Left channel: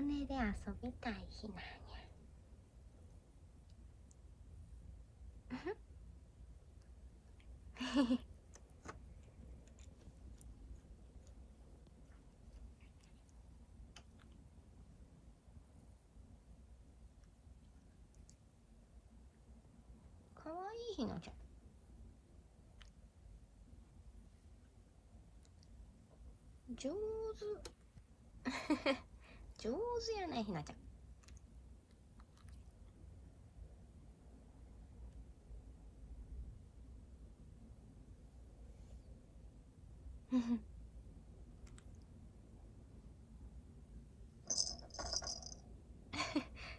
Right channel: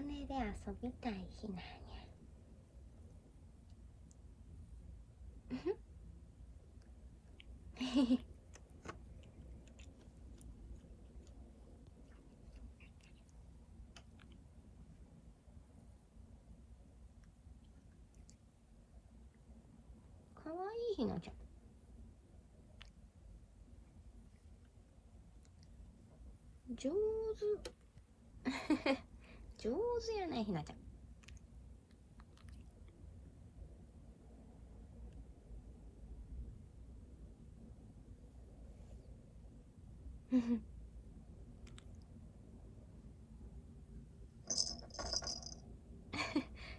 羽で遊びたいひなにゃ。かわいいひなちゃん。上手。上手やねひなちゃん。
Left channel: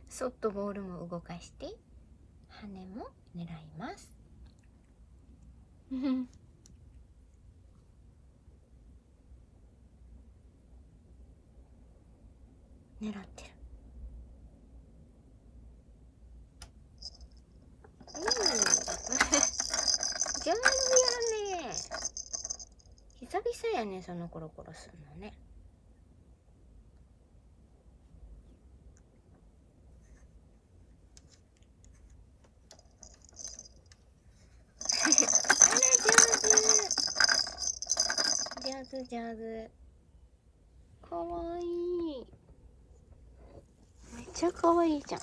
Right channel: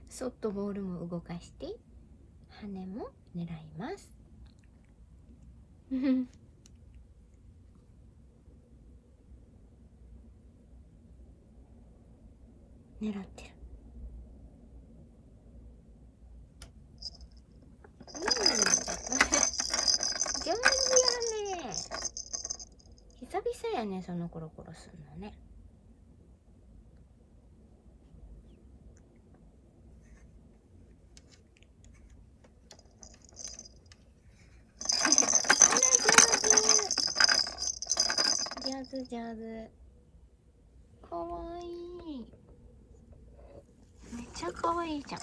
ソフトボールも動かして羽も狙います。狙ってる。上手やね。久々やね、そのコロコロするのね。上手上手。かわいい。めっちゃかわいいじゃん。